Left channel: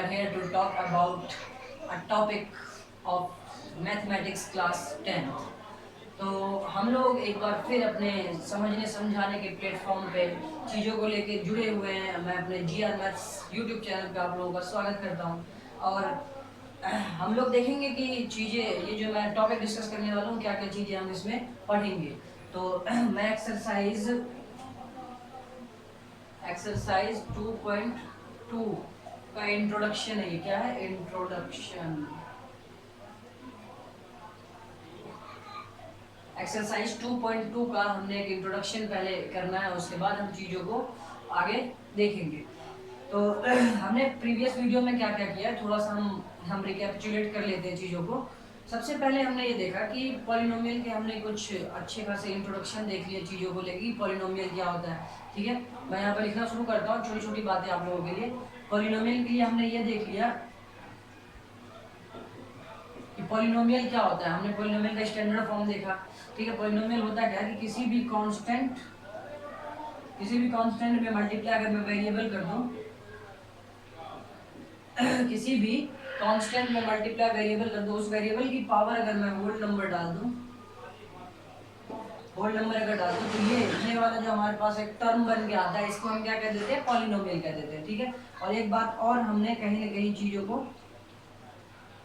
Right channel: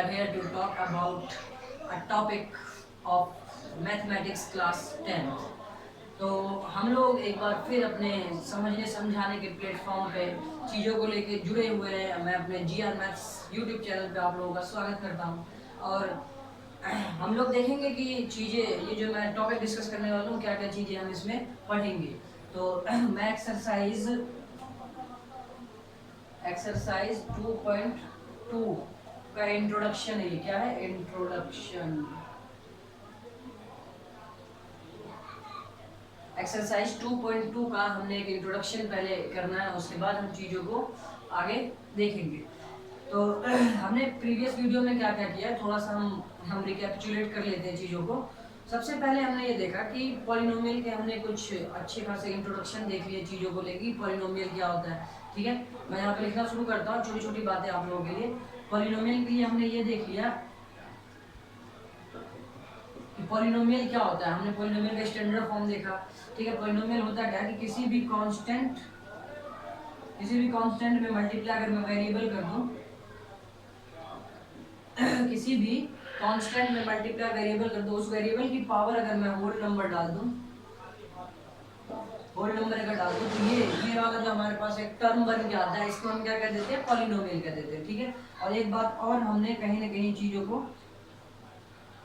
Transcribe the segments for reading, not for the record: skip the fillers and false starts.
are here to talk about a topic of mathematics class 10th। तो हम लोग एक बार फिर अपने समझने समझाने के प्लेटफॉर्म पे चीज़ों को लेके जुड़े हुए हैं। मैं अपने GR मैथ्स यूट्यूब चैनल पे आप लोगों का स्वागत करता हूँ और हम लोग देखेंगे कि चीज़ें ये जो मैं टॉपिक डिस्कस करने वाला हूँ क्या क्या चीज़ें हम इसमें पढ़ेंगे। तो मैं एक्सरसाइज 2.2 का इंट्रोडक्शन है। ये क्या है? इंट्रोडक्शन। एक्सरसाइज 2.2 का हमने एक इंट्रोडक्शन पहले करना है, उसके बाद हम चीज़ों को आगे देखेंगे। तो हमने प्रीवियस वीडियो में क्या क्या किया है थोड़ा सा हम रिकैपिचुलेट कर लेते हैं चीज़ों को। सबसे पहले हमने ये देखा कि पॉलिनोमियल के हमने कुछ अच्छे खासे इंट्रोडक्शन देख लिए चीज़ों को लेके, पॉलिनोमियल क्या होता है। ठीक है, मैं यहाँ पर लिखना शुरू करता हूँ छोटी छोटी बातें आप लोगों के लिए। पॉलिनोमियल के लिए हमने ये देख लिया कि पॉलिनोमियल क्या होता है। हमने पॉलिनोमियल का स्टैंडर्ड फॉर्म देखा। ठीक है, पॉलिनोमियल होता क्या कि किसी भी कांस्टेंट में मल्टीप्लाई अगर मैं वेरिएबल कर दूं किसी भी कांस्टेंट में मल्टीप्लाई वेरिएबल कर दूं, उस वेरिएबल की पावर अगर मैं होल नंबर डाल दूं तो ये वाला जो हमारे पास एक टर्म बन के आता है, इसको हम क्या कह देते हैं? पॉलिनोमियल कह देते हैं। ठीक है, और एक बात और हमने कहीं ना कहीं चीजों को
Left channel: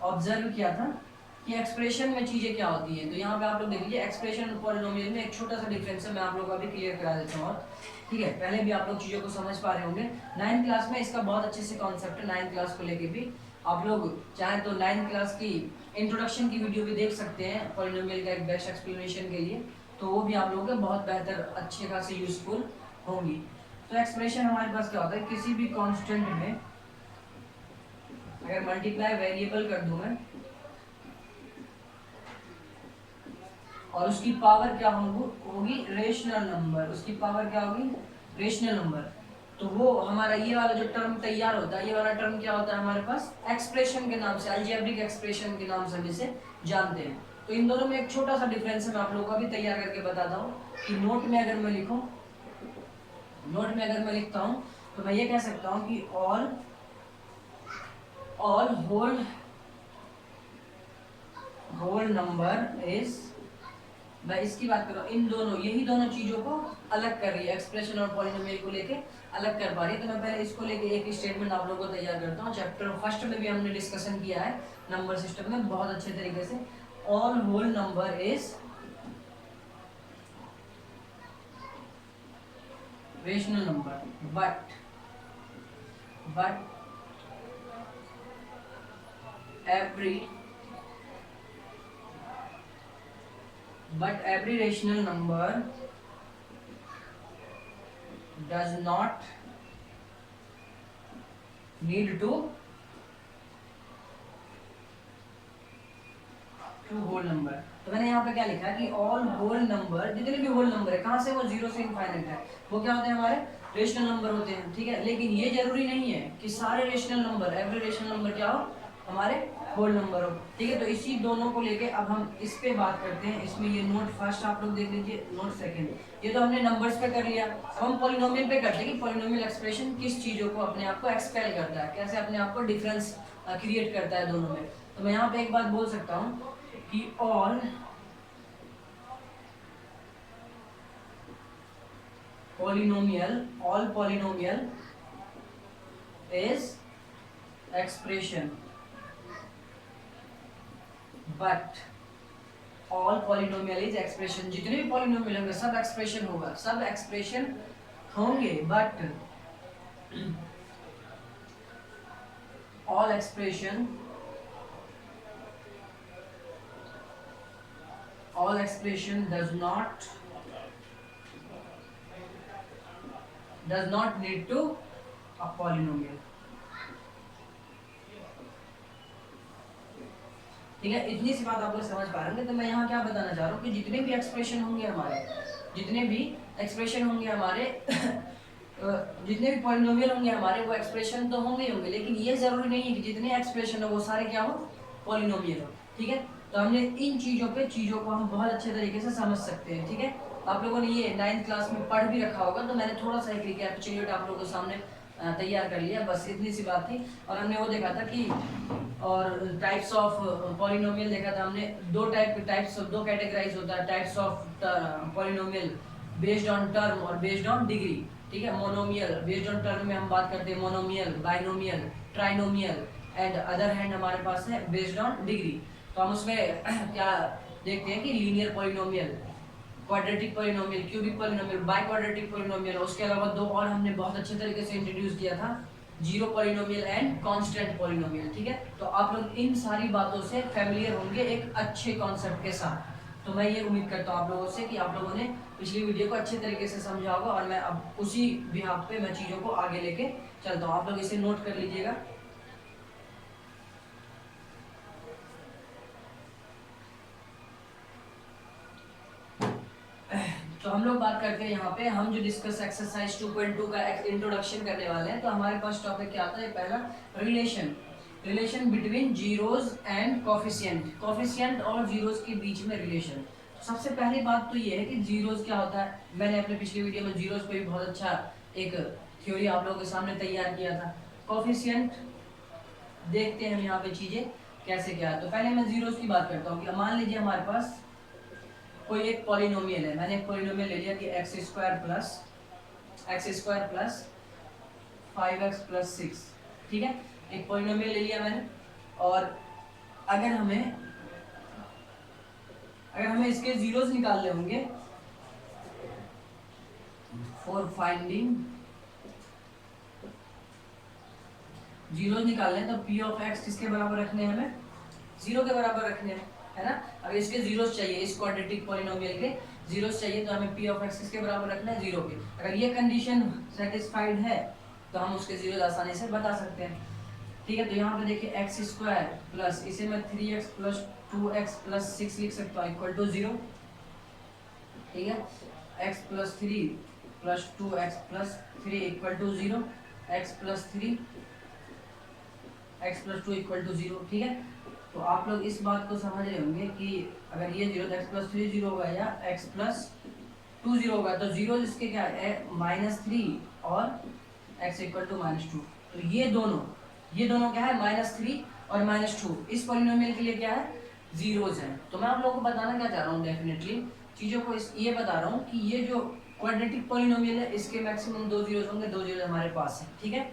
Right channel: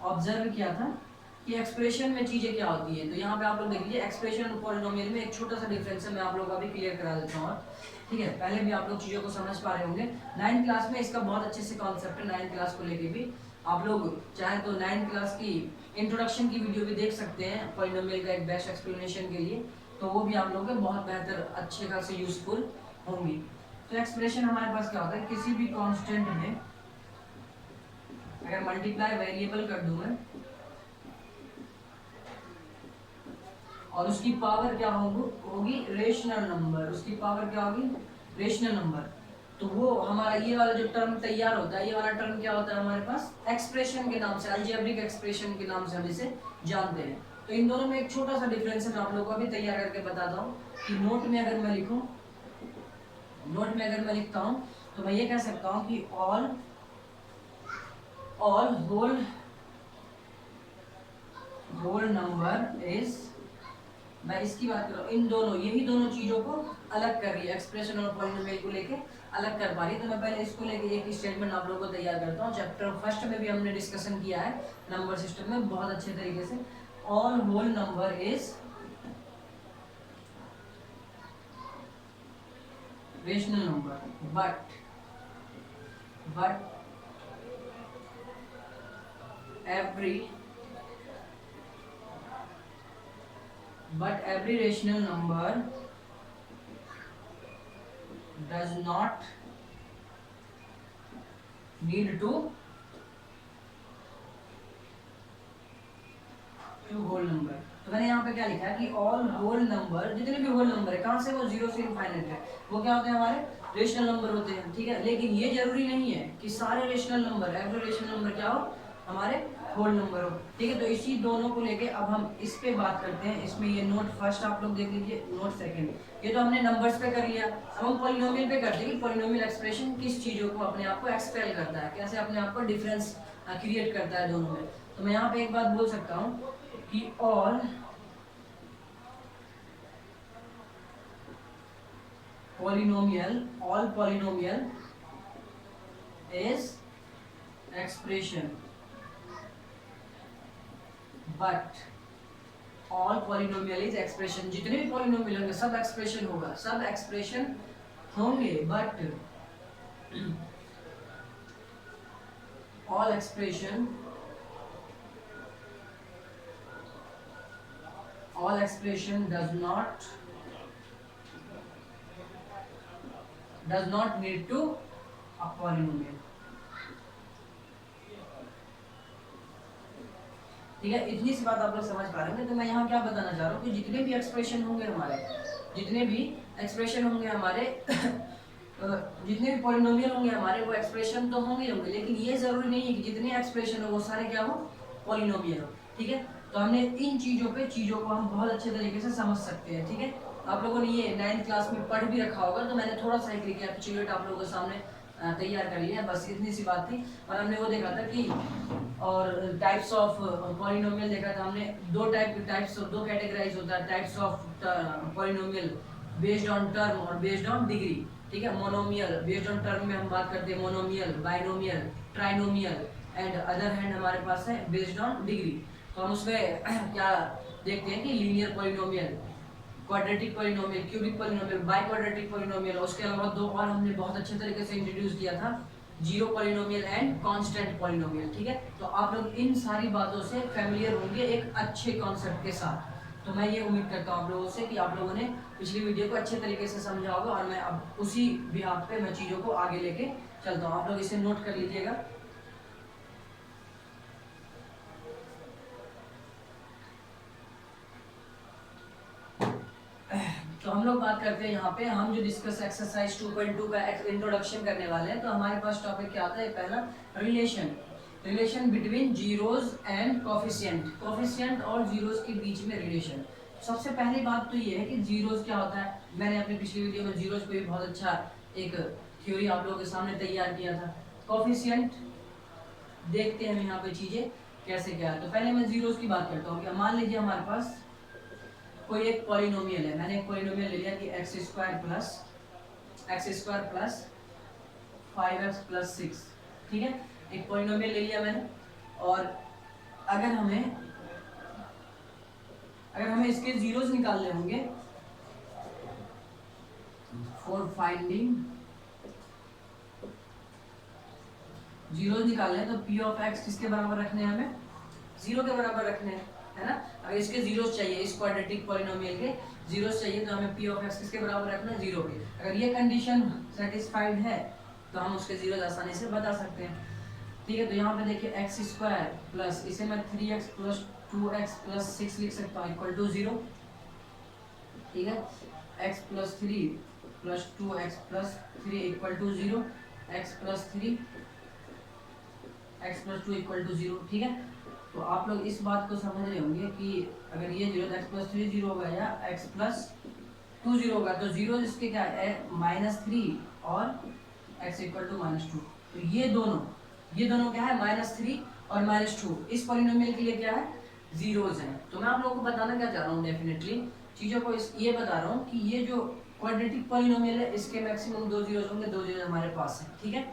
ऑब्जर्व किया था कि एक्सप्रेशन में चीजें क्या होती हैं। तो यहाँ पे आप लोग देख लीजिए, एक्सप्रेशन और पॉलिनोमियल में एक छोटा सा डिफरेंस है, मैं आप लोगों का भी क्लियर करा देता हूँ। ठीक है, पहले भी आप लोग चीज़ों को समझ पा रहे होंगे। 9th क्लास में इसका बहुत अच्छे से कॉन्सेप्ट है। 9th क्लास को लेके भी आप लोग चाहे तो 9th क्लास की इंट्रोडक्शन की वीडियो भी देख सकते हैं पॉलिनोमियल का एक बेस्ट एक्सप्लेनेशन के लिए, तो वो भी आप लोगों के बहुत बेहतर अच्छे खासे यूजफुल होंगी। तो एक्सप्रेशन हमारे पास क्या होता है? किसी भी कॉन्स्टेंट में अगर मल्टीप्लाई वेरिएबल कर दूं मैं और उसकी पावर क्या होगी? Rational number. उसकी पावर क्या होगी? Rational number. तो वो हमारा ये वाला जो टर्म तैयार होता है, ये वाला टर्म क्या होता है हमारे पास? एक्सप्रेशन के नाम से, अलजेब्रिक एक्सप्रेशन के नाम से हम इसे जानते हैं। तो इन दोनों में एक छोटा सा डिफरेंस है, मैं आप लोगों को भी तैयार करके बताता हूँ कि नोट में अगर मैं लिखता हूँ तो मैं ये कह सकता हूँ कि ऑल होल नंबर इज, मैं इसकी बात कर रहा हूँ, इन दोनों यही दोनों चीजों को अलग कर रही है, एक्सप्रेशन और पॉलिनोमियल को लेके अलग कर पा रही है। तो मैं पहले इसको लेके एक स्टेटमेंट आप लोगों को तैयार करता हूँ। चैप्टर फर्स्ट में भी हमने डिस्कशन किया है नंबर सिस्टम में बहुत अच्छे तरीके से। All whole number is rational number but every rational number does not need to whole number. तो मैंने यहाँ पे क्या लिखा है कि ऑल होल नंबर, जितने भी होल नंबर है, कहाँ से? वो 0 से इनफाइनाइट है, वो क्या होते हैं? हमारे रेशनल नंबर होते हैं। ठीक है, लेकिन ये जरूरी नहीं है कि सारे rational number, every rational number क्या हो? हमारे होल नंबर हो। ठीक है, तो इसी दोनों को लेके अब हम इस पे बात करते हैं। इसमें ये नोट फर्स्ट आप लोग देख लीजिए, नोट सेकंड। ये तो हमने नंबर्स पे कर लिया। अब हम पॉलिनोमियल पे करते हैं कि पॉलिनोमियल एक्सप्रेशन किस चीज़ों को अपने आप को एक्सपेल करता है, कैसे अपने आप को डिफरेंस क्रिएट करता है दोनों में। तो मैं यहाँ पे एक बात बोल सकता हूँ कि all polynomial is expression, but all polynomial is expression, जितने भी पॉलिनोमियल होंगे सब एक्सप्रेशन होगा, सब एक्सप्रेशन होंगे, but all expression does not need to a polynomial। ठीक है, इतनी सी बात आप लोग समझ पा रहे हैं। तो मैं यहाँ क्या बताना चाह रहा हूँ कि जितने भी एक्सप्रेशन होंगे हमारे जितने भी पॉलिनोमियल होंगे हमारे, वो एक्सप्रेशन तो होंगे, लेकिन ये जरूरी नहीं है कि जितने एक्सप्रेशन हो वो सारे क्या हो? पॉलिनोमियल हो। ठीक है, तो हमने इन चीज़ों को हम बहुत अच्छे तरीके से समझ सकते हैं। ठीक है, आप लोगों ने ये 9th क्लास में पढ़ भी रखा होगा, तो मैंने थोड़ा सा एक रिकैपिचुलेट आप लोगों के सामने तैयार कर लिया, बस इतनी सी बात थी। और हमने वो देखा था कि और टाइप्स ऑफ पॉलिनोमियल देखा था हमने, दो कैटेगराइज होता है types of polynomial, based on term और बेस्ड ऑन डिग्री। ठीक है, मोनोमियल बेस्ड ऑन टर्म में हम बात करते हैं monomial, binomial, trinomial, and other hand हमारे पास है बेस्ड ऑन डिग्री। तो हम उसमें क्या देखते हैं कि linear polynomial, quadratic polynomial, cubic polynomial, by quadratic polynomial, उसके अलावा दो और हमने बहुत अच्छे तरीके से इंट्रोड्यूस किया था, zero polynomial and constant polynomial. ठीक है, तो आप लोग इन सारी बातों से फैमिलियर होंगे एक अच्छे कॉन्सेप्ट के साथ। तो मैं ये उम्मीद करता हूँ आप लोगों से कि आप लोगों ने पिछली वीडियो को अच्छे तरीके से समझा होगा, और मैं अब उसी बिहाफ पे मैं चीज़ों को आगे लेके चलता हूँ। आप लोग इसे नोट कर लीजिएगा। तो हम लोग बात करते हैं यहाँ पे, हम जो डिस्कस एक्सरसाइज 2.2 का इंट्रोडक्शन करने वाले हैं। तो हमारे पास टॉपिक क्या आता है, पहला relation between zeros and coefficient, coefficient और जीरोज के बीच में रिलेशन। सबसे पहली बात तो ये है कि जीरोज क्या होता है। मैंने अपने पिछली वीडियो में जीरोज पे भी बहुत अच्छा एक थ्योरी आप लोगों के सामने तैयार किया था। कोफिशिएंट देखते हैं हम यहाँ पे चीजें कैसे क्या है। तो पहले मैं जीरोज की बात करता हूँ कि मान लीजिए हमारे पास कोई एक पॉलिनोमियल है, मैंने एक पॉलिनोमियल ले लिया कि x square plus 5x plus 6। ठीक है, एक पॉलिनोमियल ले लिया मैंने, और अगर हमें इसके जीरोस निकालने होंगे फॉर फाइंडिंग जीरोस निकालने हैं, तो p ऑफ x किसके बराबर रखने हैं, हमें 0 के बराबर रखने हैं, है ना। अगर इसके जीरोस चाहिए, इस क्वाड्रेटिक पॉलिनोमियल के जीरोस चाहिए, तो हमें p ऑफ x किसके बराबर रखना है, 0 के। अगर ये कंडीशन सेटिस्फाइड है तो हम उसके जीरोस आसानी से बता सकते हैं। ठीक है, तो यहाँ पे देखिए एक्स स्क्वायर प्लस, इसे मैं 3x प्लस 2x प्लस 6 लिख सकता हूँ इक्वल टू 0। ठीक है, x plus 3 plus 2x plus 3 equal to 0, x plus 3 x plus 2 equal to 0। ठीक है, तो आप लोग इस बात को समझ रहे होंगे कि अगर ये 0 तो x प्लस 3 0 होगा, या x प्लस 2 0 होगा, तो जीरो इसके क्या है, -3 और x इक्वल टू -2। तो ये दोनों क्या है, -3 और -2, इस पॉलिनोमियल के लिए क्या है, जीरोज हैं। तो मैं आप लोगों को बताना क्या चाह रहा हूँ, डेफिनेटली चीज़ों को ये बता रहा हूँ कि ये जो क्वाड्रेटिक पॉलिनोमियल है, इसके मैक्सिमम 2 जीरोज होंगे, 2 जीरोज हमारे पास है। ठीक है,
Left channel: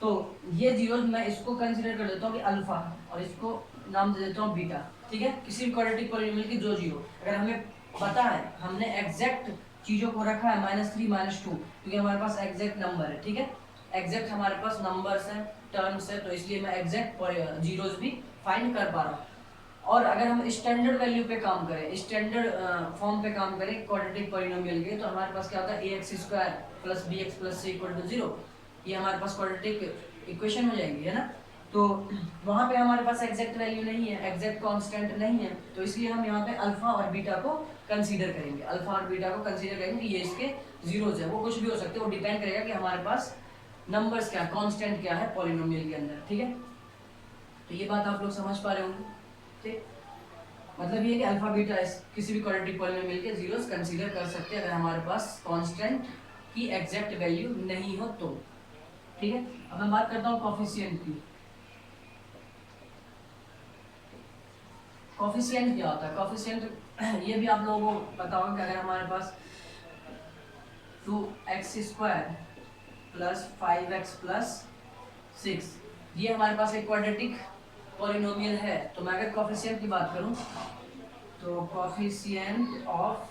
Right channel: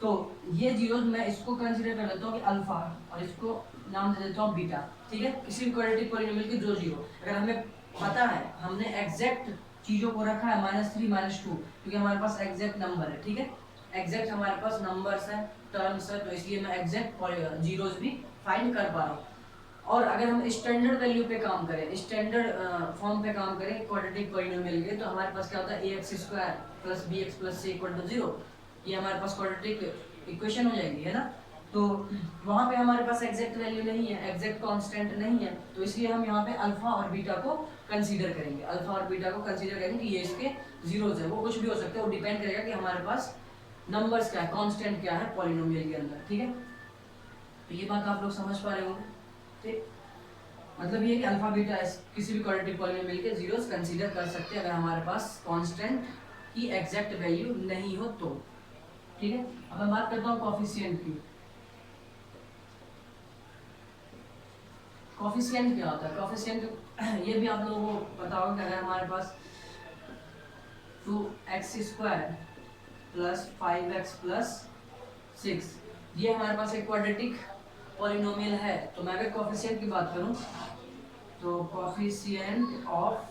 तो ये जीरोज मैं इसको कंसिडर कर लेता हूँ कि अल्फा, और इसको नाम दे देता हूँ बीटा। ठीक है, किसी भी क्वाड्रेटिक पॉलिनोमियल की 2 जीरो, अगर हमें पता है, हमने एग्जैक्ट चीज़ों को रखा है -3 -2, क्योंकि हमारे पास एग्जैक्ट नंबर है। ठीक है, एग्जैक्ट हमारे पास नंबर्स हैं, टर्म्स है, तो इसलिए मैं एग्जैक्ट जीरोज भी फाइंड कर पा रहा हूँ। और अगर हम स्टैंडर्ड वैल्यू पे काम करें, स्टैंडर्ड फॉर्म पे काम करें क्वाड्रेटिक पॉलिनोमियल के, तो हमारे पास क्या होता है, ax square plus bx plus c equal to 0। ये हमारे पास क्वाड्रेटिक इक्वेशन हो जाएगी, है ना। तो वहाँ पे हमारे पास एग्जैक्ट वैल्यू नहीं है, एग्जैक्ट कांस्टेंट नहीं है, तो इसलिए हम यहाँ पे अल्फा और बीटा को कंसीडर करेंगे, ये इसके जीरोज है। वो कुछ भी हो सकते हैं, वो डिपेंड करेगा कि हमारे पास नंबर्स क्या है, कांस्टेंट क्या है पॉलिनोमियल के अंदर। ठीक है, तो ये बात आप लोग समझ पा रहे होंगे। ठीक, मतलब ये कि अल्फा बीटा किसी भी क्वाड्रेटिक पॉलिनोमियल के जीरोस कंसीडर कर सकते हैं अगर हमारे पास कांस्टेंट की एग्जैक्ट वैल्यू नहीं हो तो। ठीक है, अब मैं बात करता हूँ कोफिशिएंट की। कोफिशिएंट क्या होता है, कोफिशिएंट ये भी आप लोगों को पता होगा कि अगर हमारे पास 2x square plus 5x plus 6, ये हमारे पास एक क्वाड्रेटिक पॉलिनोमियल है, तो मैं अगर कोफिशिएंट की बात करूं, तो coefficient of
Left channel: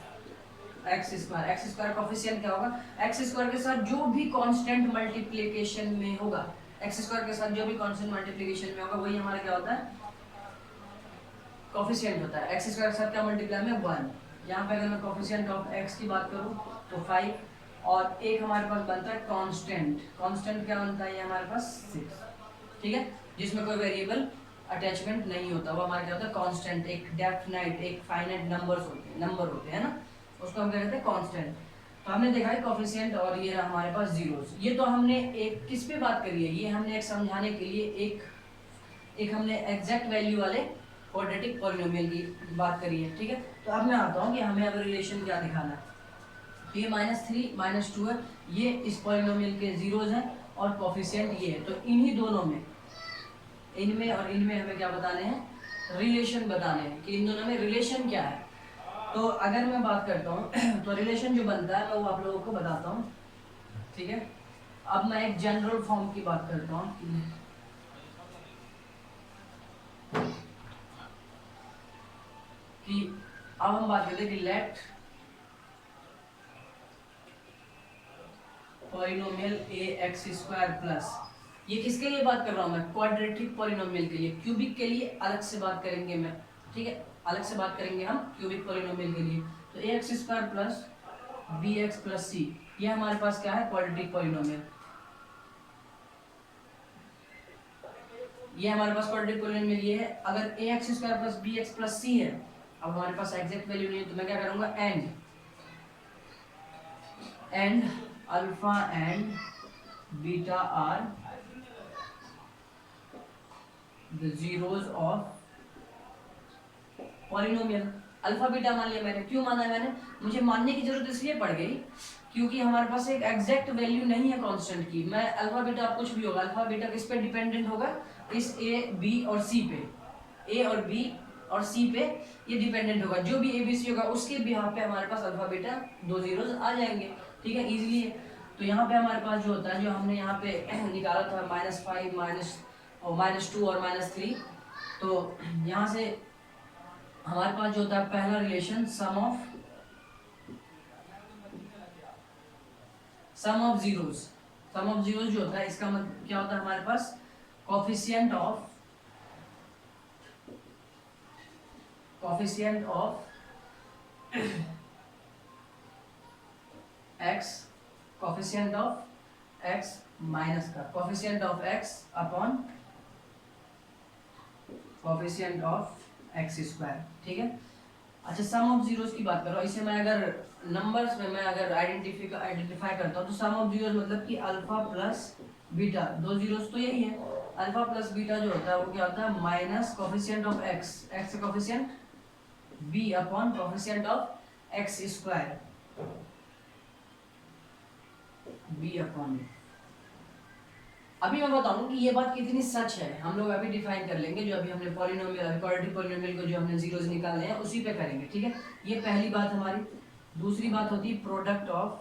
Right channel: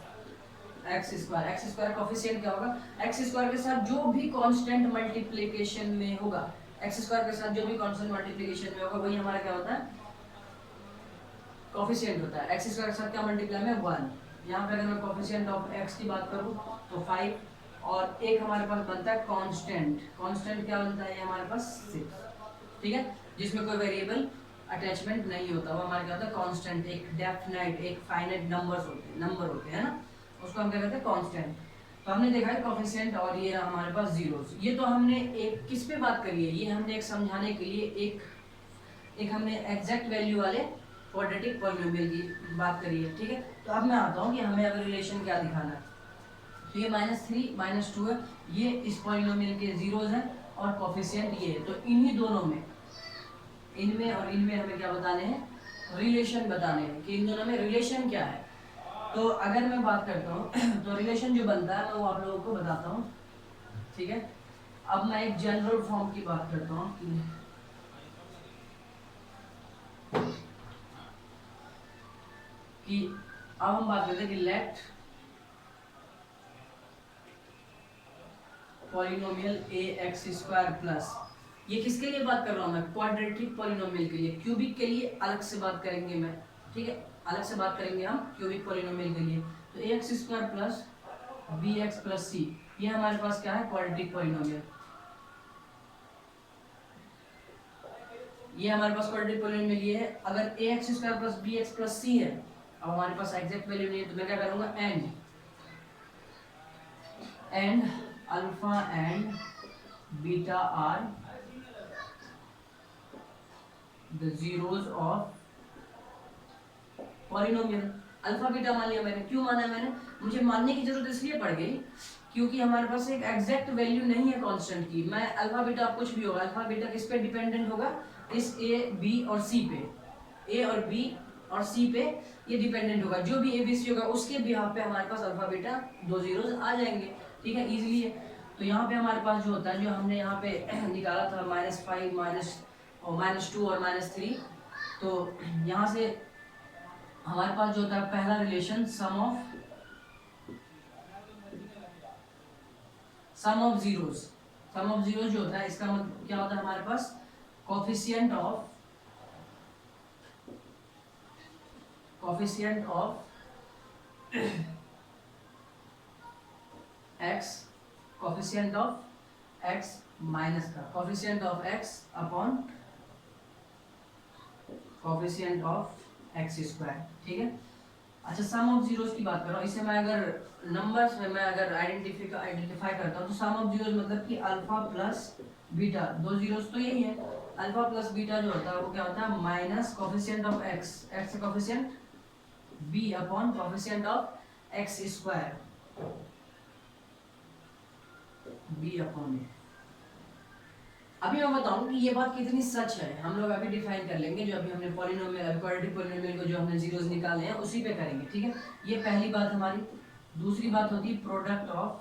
X square coefficient क्या होगा, एक्स स्क्वायर के साथ जो भी कांस्टेंट मल्टीप्लिकेशन में होगा, एक्स स्क्वायर के साथ जो भी कांस्टेंट मल्टीप्लिकेशन में होगा, वही हमारा क्या होता है, कोफिशिएंट होता है। एक्स स्क्वायर के साथ क्या मल्टीप्लाई में 1। यहाँ पे अगर मैं कोफिशिएंट ऑफ एक्स की बात करूँ तो 5, और एक हमारे पास बनता है कांस्टेंट क्या बनता है, ये हमारे पास 6। ठीक है, जिसमें कोई वेरिएबल अटैचमेंट नहीं होता, वो हमारे क्या होता है, कांस्टेंट, एक डेफिनाइट, एक फाइनाइट नंबर होते हैं ना, उसको हम क्या कहते हैं, कांस्टेंट। तो हमने देखा है कोफिशिएंट, और ये रहा हमारे पास जीरोस। ये तो हमने एक किस पे बात करी है, ये हमने एक समझाने के लिए एक हमने एग्जैक्ट वैल्यू वाले क्वाड्रेटिक पॉलिनोमियल की बात करी है। ठीक है, तो अब मैं आता हूँ कि हमें अगर रिलेशन क्या दिखाना है। तो ये -3 -2 है, ये इस पॉलिनोमियल के जीरोस हैं, और कोफिशिएंट ये, तो इन्हीं दोनों में, इनमें और इनमें हमें क्या बताने हैं, रिलेशन बताने हैं कि इन दोनों में रिलेशन क्या है। तो अगर मैं बात करता हूँ तो रिलेशन जो बनता है मैं वो आप लोगों को बताता हूँ, ठीक है। अब मैं एक जनरल फॉर्म की बात करता हूँ कि अब हम बात करते हैं कि लेट पॉलिनोमियल ए एक्स स्क्वायर प्लस, ये किसके लिए बात कर रहा हूँ मैं, क्वाड्रेटिक पॉलिनोमियल के लिए। क्यूबिक के लिए अलग से बात करेंगे मैं, ठीक है, अलग से बात करेंगे हम क्यूबिक पॉलिनोमियल के लिए। तो A X square plus B X plus C, ये हमारे पास क्या है, क्वाड्रेटिक पॉलिनोमियल। ये हमारे पास क्वाड्रेटिक पॉलिनोमियल ये है। अगर A X square plus B X plus C है, अब हमारे पास एग्जैक्ट वैल्यू नहीं है तो मैं क्या करूंगा, and alpha and beta are the zeros of polynomial. Alpha beta मान लिया मैंने, क्यों माना है मैंने, मुझे मानने की जरूरत इसलिए पड़ गई क्योंकि हमारे पास एक एग्जैक्ट वैल्यू नहीं है कांस्टेंट की। मैं अल्फा बीटा कुछ भी होगा, अल्फा बीटा किस पे डिपेंडेंट होगा, इस ए बी और सी पे, ए और बी और सी पे ये डिपेंडेंट होगा। जो भी ए बी सी होगा उसके बिहाफ पे हमारे पास अल्फा बीटा दो जीरोस आ जाएंगे, ठीक है, इजीली है। तो यहाँ पे हमारे पास जो होता है, जो हमने यहाँ पे निकाला था -5 -2 और -3, तो यहाँ से हमारे पास जो होता है पहला रिलेशन सम ऑफ जीरोस, जो होता है इसका मतलब क्या होता है, हमारे पास कोफिशिएंट ऑफ एक्स माइनस का coefficient of X upon coefficient of X square, ठीक है। अच्छा, सम ऑफ जीरोस की बात कर रहा हूँ, इसे मैं अगर नंबर्स में मैं अगर आइडेंटिफाई करता हूँ तो सम ऑफ जीरोस मतलब कि अल्फा प्लस बीटा, दो जीरोस तो यही है, अल्फा प्लस बीटा जो होता है वो क्या होता है, minus coefficient of X, X का coefficient B upon coefficient of X square, B upon A. अभी मैं बताऊं कि ये बात कितनी सच है, हम लोग अभी डिफाइन कर लेंगे, जो अभी हमने पॉलिनोमियल क्वाड्रेटिक पॉलिनोमियल को जो हमने जीरोस निकाले हैं उसी पे करेंगे, ठीक है। ये पहली बात हमारी। दूसरी बात होती है प्रोडक्ट ऑफ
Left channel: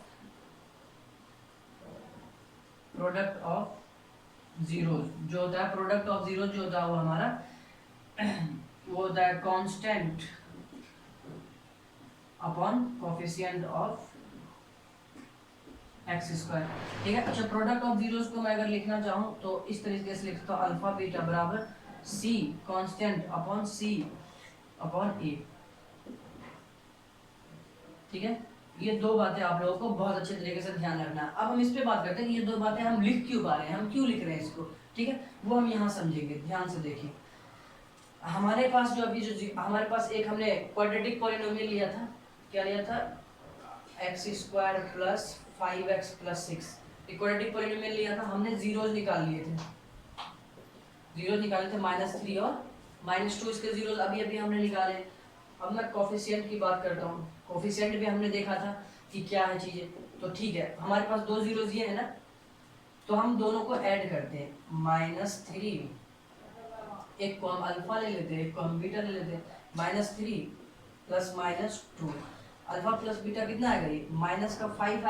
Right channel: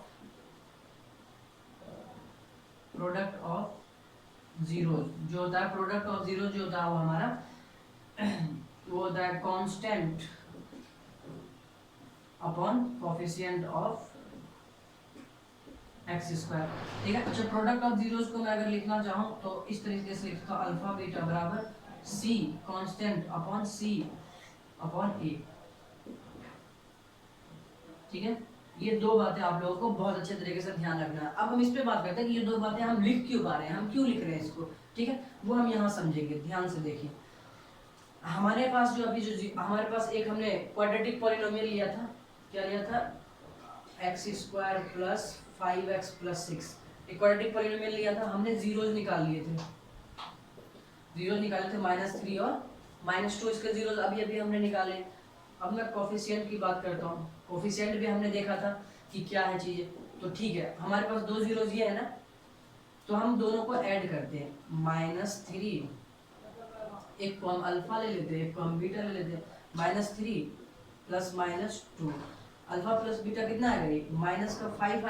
जीरोस, जो होता है प्रोडक्ट ऑफ जीरोस जो होता है वो हमारा वो होता है constant upon coefficient of X square, ठीक है। अच्छा, प्रोडक्ट ऑफ जीरोस को मैं अगर लिखना चाहूँ तो इस तरीके से लिखता हूँ, अल्फा बीटा बराबर सी constant upon C upon A, ठीक है। ये दो बातें आप लोगों को बहुत अच्छे तरीके से ध्यान रखना है। अब हम इस पे बात करते हैं कि ये दो बातें हम लिख क्यों पा रहे हैं, हम क्यों लिख रहे हैं इसको, ठीक है, वो हम यहाँ समझेंगे। ध्यान से देखिए, हमारे पास जो अभी जो हमारे पास एक हमने क्वाड्रेटिक पॉलिनोमियल लिया था, क्या लिया था, x square plus 5x plus 6, quadratic polynomial लिया था हमने, जीरोस निकाल लिए थे, -3 और -2, इसके जीरोस अभी अभी हमने निकाले। अब मैं कोफिशिएंट की बात करता हूँ, कोफिशिएंट भी हमने देखा था कि क्या है चीजें, तो ठीक है, हमारे पास दो जीरोस ये है ना, तो हम दोनों को ऐड करते हैं, -3, एक को हम अल्फा ले लेते हैं, एक को हम बीटा ले लेते हैं, -3 प्लस -2, अल्फा प्लस बीटा कितना आएगा, ये माइनस का 5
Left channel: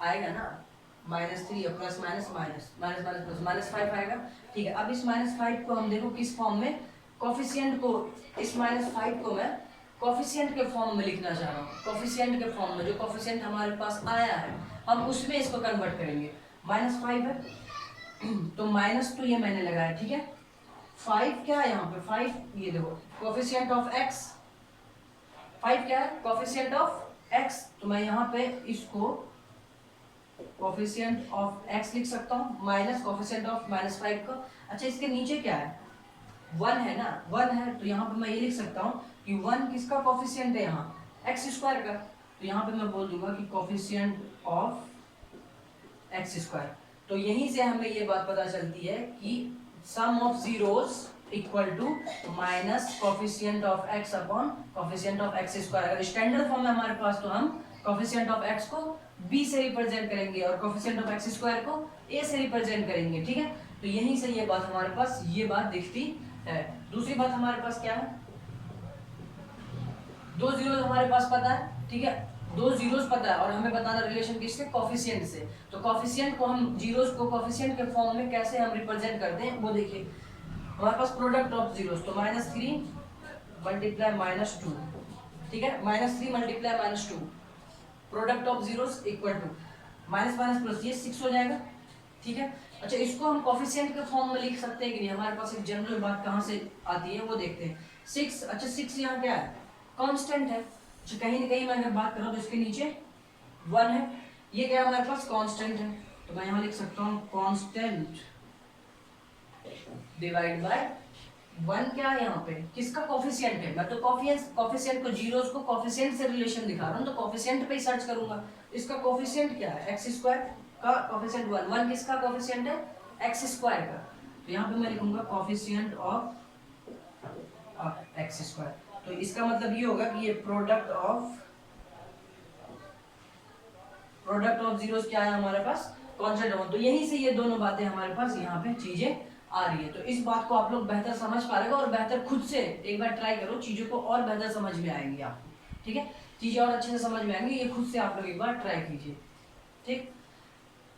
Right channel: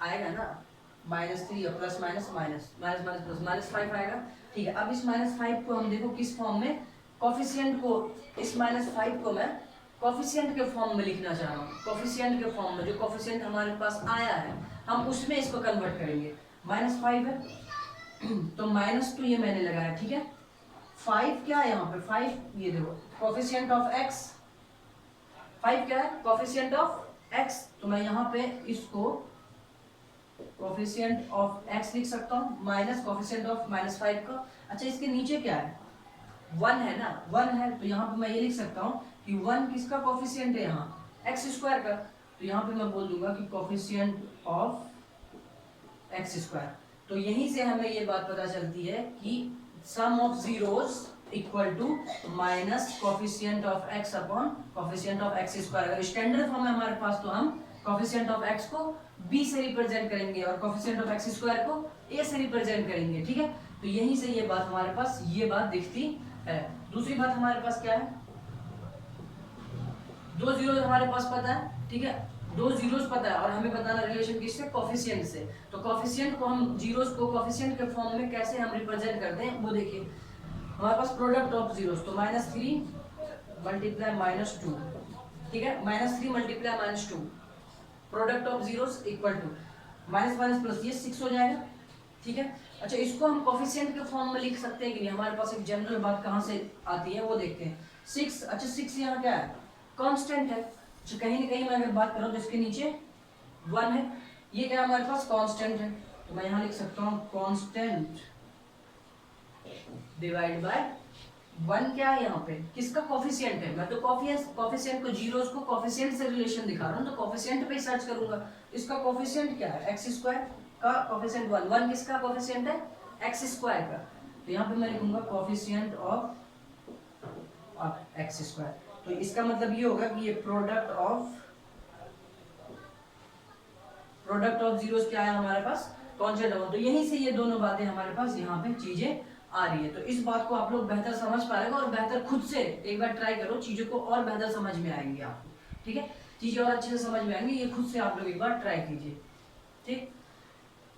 आएगा ना, -3 और प्लस माइनस माइनस प्लस -5 आएगा, ठीक है। अब इस -5 को हम देखो किस फॉर्म में, कोफिशिएंट को, इस -5 को मैं कोफिशिएंट के फॉर्म में लिखना चाह रहा हूँ, कोफिशिएंट के फॉर्म में, जो कोफिशिएंट हमारे पास आया है हम उसमें इसको कन्वर्ट करेंगे। -5 है तो माइनस तो ये मैंने लगाया, ठीक है, 5 क्या है यहाँ पे, 5 ये देखो कोफिशिएंट ऑफ एक्स, 5 क्या है, कोफिशिएंट ऑफ एक्स, तो मैं यहाँ पे इसको कोफिशिएंट ऑफ एक्स लिख सकता हूँ माइनस कोफिशिएंट ऑफ -5 का। अच्छा, इसके नीचे क्या है, 1 है ना, 1 है, तो यहाँ पे मैं ये लिख सकता हूँ कि 1 किसका कोफिशिएंट है, यहाँ एक्स स्क्वायर का, तो यहाँ पे मैं बोल दूंगा कि कोफिशिएंट ऑफ एक्स स्क्वायर। तो यहीं से हमें ये बात पता चलती है कि sum of zeros equal to minus coefficient of X upon coefficient of X square. अगर स्टैंडर्ड फॉर्म है हमारे पास तो हम कोफिशिएंट ऑफ x को b से रिप्रेजेंट करेंगे और कोफिशिएंट ऑफ x स्क्वायर को a से रिप्रेजेंट करेंगे, ठीक है। तो यहीं से ये बात हमारे पास ये बात दिखती है। दूसरी बात हमारे पास क्या है, दो जीरोस हमारे पास पता है, ठीक है, दो जीरोस पता है और हमें बताना रिलेशन किससे, कोफिशिएंट से। तो कोफिशिएंट को हम जीरोस को कोफिशिएंट के फॉर्म में कैसे हम रिप्रेजेंट करते हैं वो देखिए। हमारे पास प्रोडक्ट ऑफ जीरोस, तो -3 मल्टीप्लाई -2, ठीक है, -3 multiply -2, product of zeros equal to minus minus plus, ये 6 हो जाएगा, ठीक है। अच्छा, इसको हम कोफिशिएंट के फॉर्म में लिख सकते हैं कि नहीं, हमारे पास एक जनरल बात कहाँ से आती है वो देखते हैं। 6, अच्छा 6 यहाँ क्या है, कांस्टेंट है। अच्छा, कहीं ना कहीं मैं अगर बात करूँ तो इसके नीचे 1 है, ये क्या है हमारे पास, कांस्टेंट है। तो मैं यहाँ लिख सकता हूँ कांस्टेंट डिवाइड बाय 1, क्या है यहाँ पे, किसका कोफिशिएंट है। मैं तो कोफिशिएंट को जीरोस को कोफिशिएंट से रिलेशन दिखा रहा हूँ, तो कोफिशिएंट पे ही सर्च करूंगा। इसका कोफिशिएंट क्या है, एक्स स्क्वायर का कोफिशिएंट 1, 1 किसका कोफिशिएंट है, एक्स स्क्वायर का। तो यहाँ पे मैं लिखूंगा कोफिशिएंट ऑफ एक्स स्क्वायर। तो इसका मतलब ये होगा कि ये प्रोडक्ट ऑफ जीरोस क्या है हमारे पास, कांस्टेंट है। तो यहीं से ये दोनों बातें हमारे पास यहाँ पे चीजें आ रही है। तो इस बात को आप लोग बेहतर समझ पाएगा और बेहतर खुद से एक बार ट्राई करो, चीजों को और बेहतर समझ में आएंगी आपको, ठीक है, चीजें और अच्छे से समझ में आएंगी, ये खुद से आप लोग एक बार ट्राई कीजिए, ठीक।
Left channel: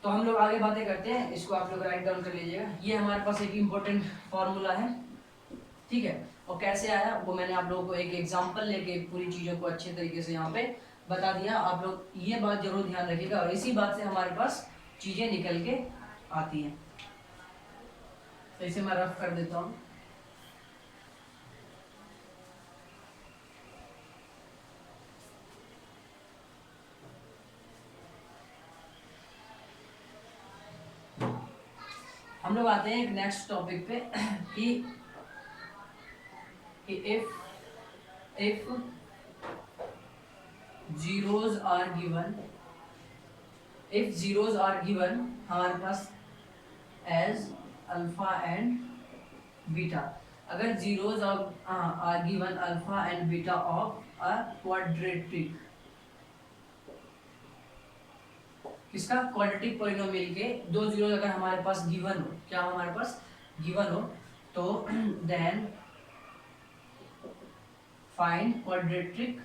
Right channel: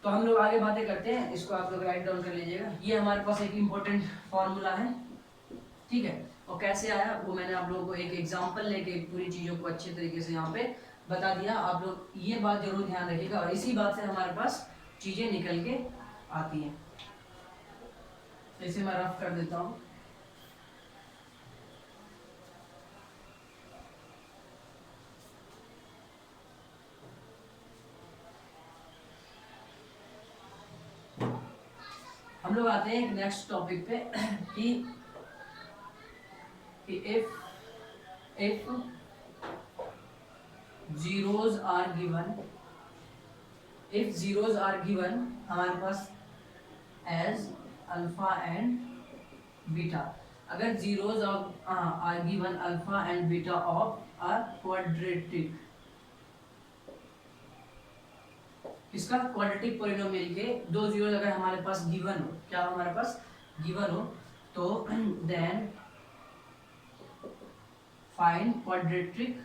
तो हम लोग आगे बातें करते हैं, इसको आप लोग राइट डाउन कर लीजिएगा। ये हमारे पास एक इम्पोर्टेंट फॉर्मूला है, ठीक है, और कैसे आया वो मैंने आप लोगों को एक एग्जाम्पल लेके पूरी चीजों को अच्छे तरीके से यहाँ पे बता दिया। आप लोग ये बात जरूर ध्यान रखिएगा और इसी बात से हमारे पास चीजें निकल के आती हैं। तो इसे मैं रफ कर देता हूँ। हम लोग आते हैं एक नेक्स्ट टॉपिक पे कि इफ जीरोस आर गिवन हमारे पास एज अल्फा एंड बीटा, अगर zeros are given alpha and beta of a quadratic, किसका, क्वाड्रेटिक पॉलिनोमियल के दो जीरो अगर हमारे पास गिवन हो, क्या हमारे पास गिवन हो, तो देन फाइंड क्वाड्रेटिक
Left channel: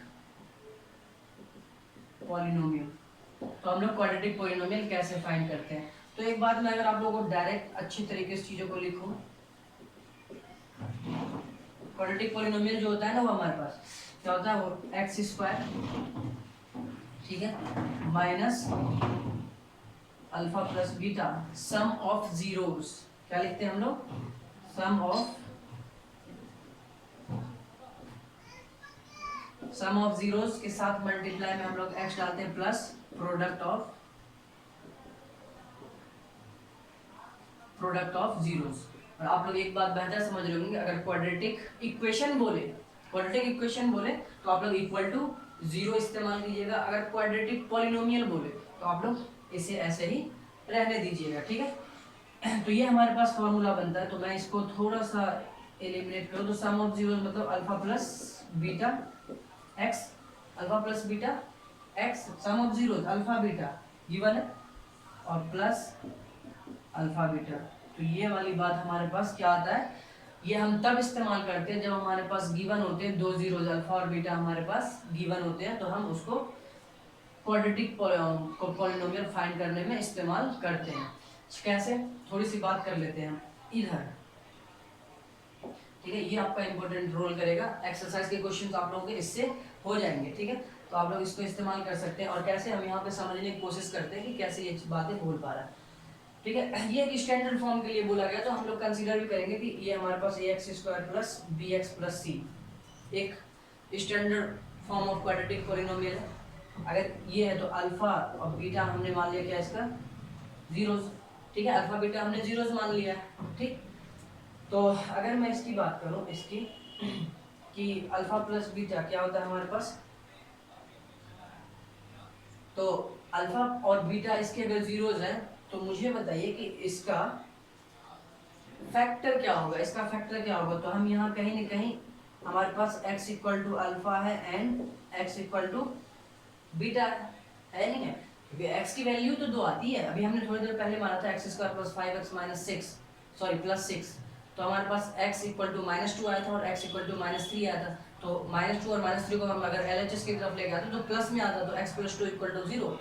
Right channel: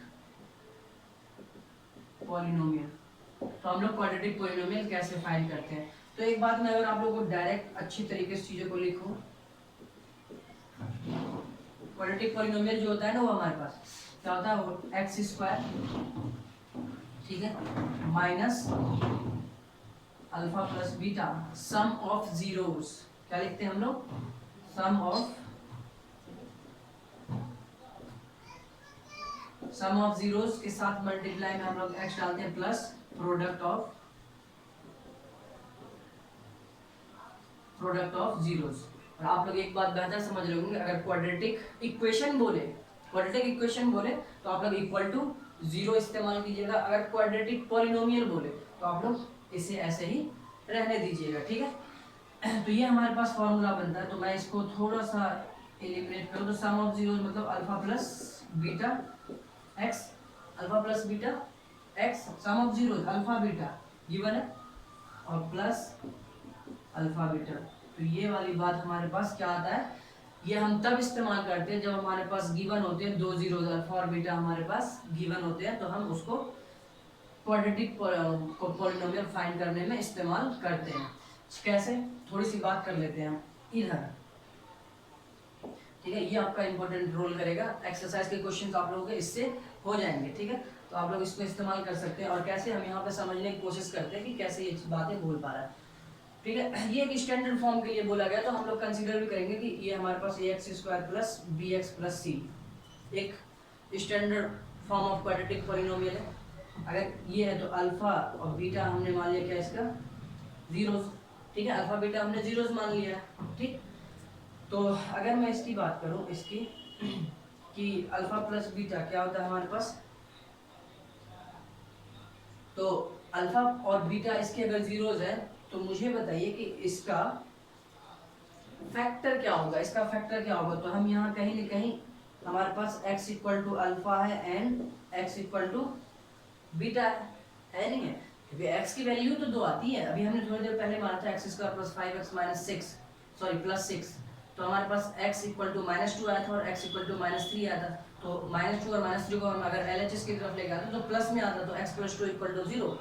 पॉलिनोमियल। तो हम लोग क्वाड्रेटिक पॉलिनोमियल कैसे फाइंड करते हैं, तो एक बात मैं अगर आप लोगों को डायरेक्ट अच्छी तरीके से चीजों को लिखूं, क्वाड्रेटिक पॉलिनोमियल जो होता है ना वो हमारे पास क्या होता है, वो एक्स स्क्वायर, ठीक है, minus alpha plus beta some of zeros, क्या लिखते हैं हम लोग, सम ऑफ जीरोस के साथ मल्टीप्लाई में हम लोग एक्स डालते हैं प्लस प्रोडक्ट ऑफ जीरोस। और आप लोग एक बात बेहतर समझ रहे होंगे, अगर क्वाड्रेटिक इक्वेशन बोले तो आप लोग इक्वल टू जीरो इस्तेमाल कीजिएगा, अगर क्वाड्रेटिक पॉलिनोमियल बोले तो आप लोग इसे ऐसे ही रहने दीजिएगा, ठीक है। तो ये हमारे पास फॉर्मूला बनता है। तो मैं इसको थोड़ा सा एलिमिनेट करूँ तो सम ऑफ जीरोस मतलब alpha plus beta x, sum of zeros alpha beta given है और प्लस अल्फा बीटा। तो ये वाली बात हमारे पास क्या आता है, ये हम तब इस्तेमाल करते हैं जब हमारे पास गिवन होते हैं दो जीरोस अल्फा और बीटा हमारे पास गिवन होते हैं, तो हम उसको क्वाड्रेटिक पॉलिनोमियल फाइंड करने में इस्तेमाल करते हैं। कैसे, थोड़ी सी बात कर लेते हैं इधर, ठीक है, ये आपका इंपॉर्टेंट रोल करेगा। एक्सरसाइज के क्वेश्चंस आप लोगों के इससे हो जाएंगे, ठीक है, तो आप लोग इसको इस्तेमाल कर सकते हैं। और कैसे, हम यहाँ पे समझने की कोशिश करते हैं कि कैसे ये बातें बोल पा रहा है, ठीक है। ये एक स्टैंडर्ड फॉर्म के लिए बोला गया, तो हम लोग कंसीडर भी करेंगे कि ये हमारे पास ax square plus bx plus c एक standard form of quadratic polynomial है। अगर ये है तो अल्फा और बीटा हमने मान लिया क्या, इसका जीरोस, ठीक है, अल्फा बीटा हमने जीरोस मान लिया, ठीक। तो अगर मैं इसकी बात करूं, इसकी कि अल्फा प्लस बीटा क्या होता है हमारे पास, तो अल्फा और बीटा इसके अगर जीरोस है तो मुझे बताइए कि इसका फैक्टर क्या होगा, तो हम यहाँ कहीं न कहीं हमारे पास x इक्वल टू अल्फा है and x equal to beta है, है नहीं है, क्योंकि x की वैल्यू तो 2 आती है। अभी हमने थोड़ी देर पहले माना था x square plus 5x minus 6, sorry plus 6, तो हमारे पास x इक्वल टू -2 आया था और x इक्वल टू -3 आया था। तो -2 और -3 को हम अगर LHS की तरफ लेके आते तो प्लस में आता, तो x + 2 = 0।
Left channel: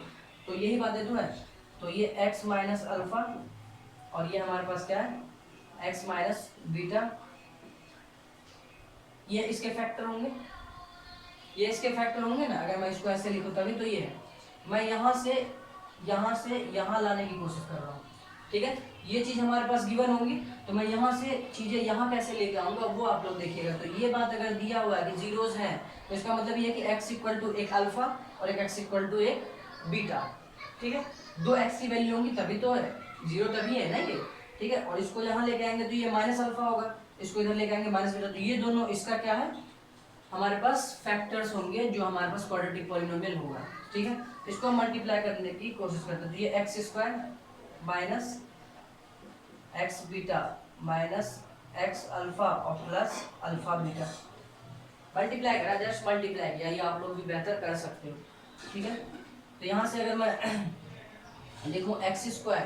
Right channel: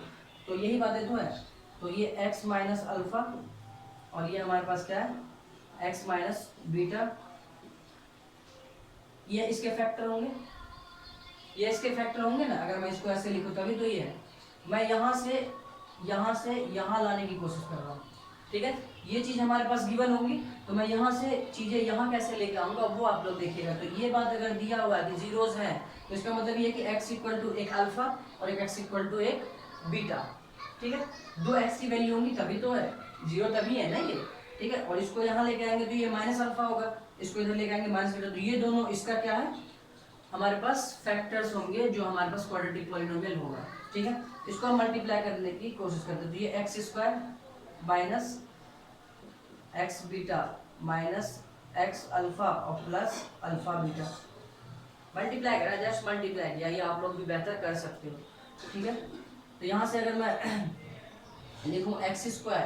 तो यही बातें तो है। तो ये x माइनस अल्फा और ये हमारे पास क्या है x माइनस बीटा, ये इसके फैक्टर होंगे, ये इसके फैक्टर होंगे ना। अगर मैं इसको ऐसे लिखूं तभी तो ये है। मैं यहाँ से यहाँ लाने की कोशिश कर रहा हूँ, ठीक है। ये चीज़ हमारे पास गिवन होंगी, तो मैं यहाँ से चीज़ें यहाँ कैसे लेके आऊँगा वो आप लोग देखिएगा। तो ये बात अगर दिया हुआ है कि जीरोज हैं, तो इसका मतलब ये है कि x इक्वल टू एक अल्फा और एक x इक्वल टू एक बीटा, ठीक है। 2 x की वैल्यू होंगी तभी तो है, जीरो तभी है ना ये, ठीक है। और इसको यहाँ लेके आएंगे तो ये माइनस अल्फा होगा, इसको इधर लेके आएंगे माइनस बीटा, तो ये दोनों इसका क्या है हमारे पास फैक्टर्स होंगे जो हमारे पास क्वाड्रेटिक पॉलिनोमियल होगा, ठीक है। इसको हम मल्टीप्लाई करने की कोशिश करते हैं, तो ये x² minus x beta minus x alpha और प्लस अल्फा बीटा मल्टीप्लाई करा, जस्ट मल्टीप्लाई किया, ये आप लोग भी बेहतर कर सकते हो, ठीक है। तो यहाँ से अगर मैं लिखूँ x²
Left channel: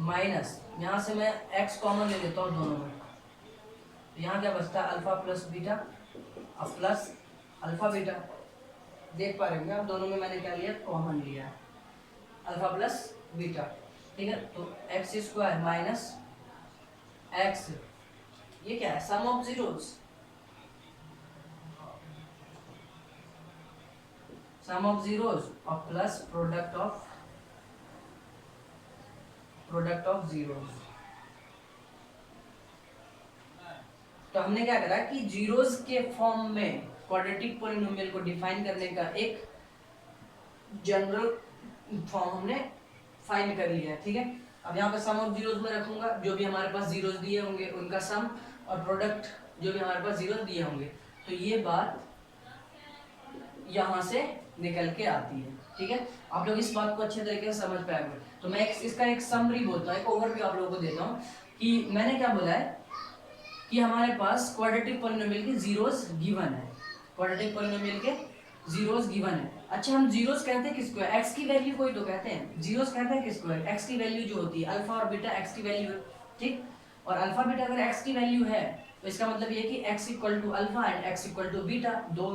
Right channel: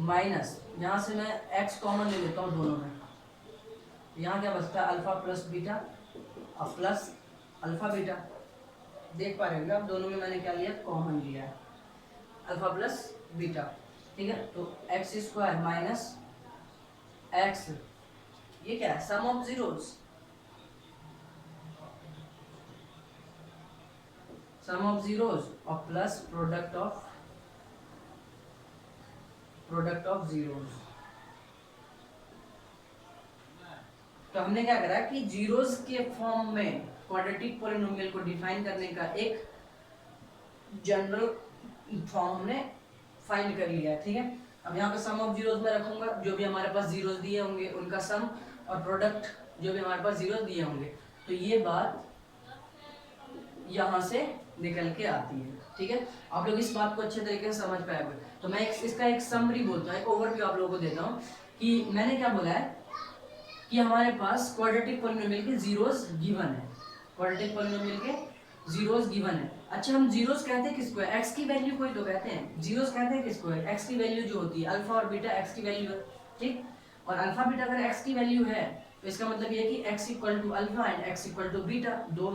माइनस, यहाँ से मैं x कॉमन ले लेता हूँ दोनों में, तो यहाँ क्या बचता है अल्फा प्लस बीटा और प्लस अल्फा बीटा। देख पा रहे होंगे आप दोनों में मैंने क्या लिया कॉमन लिया है, अल्फा प्लस बीटा, ठीक है। तो x² माइनस x, ये क्या है sum of zeros, sum of zeros और प्लस प्रोडक्ट ऑफ जीरोज। तो हमने क्या करा कि जीरोज के फॉर्म में क्वाड्रेटिक पॉलिनोमियल को डिफाइन करने का एक जनरल फॉर्म हमने फाइंड कर लिया है, ठीक है। अब यहाँ पे सम ऑफ जीरोज में रखूंगा, जो भी हमारे पास जीरोज दिए होंगे उनका सम, और प्रोडक्ट जो भी हमारे पास जीरोज दिए होंगे। तो ये बात यहाँ से निकल के आती है, ठीक है। आप लोग इस बात को अच्छे तरीके से समझ पाए होंगे। तो मैं इसका एक समरी बोलता हूँ, एक ओवरव्यू आप लोगों को देता हूँ कि मैंने क्या बोला है कि हमारे पास क्वाड्रेटिक पॉलिनोमियल की जीरोज गिवन है, क्वाड्रेटिक पॉलिनोमियल के जीरोज गिवन है। अच्छा, हम जीरोज कहते हैं किसको है, x की वैल्यू को ही तो कहते हैं जीरोज कहते हैं किसको है, x की वैल्यू जो होती है अल्फा और बीटा x की वैल्यू है, ठीक। और अल्फा बीटा अगर x की वैल्यू है तो इसका मतलब ये कि x equal to alpha and x equal to beta, दो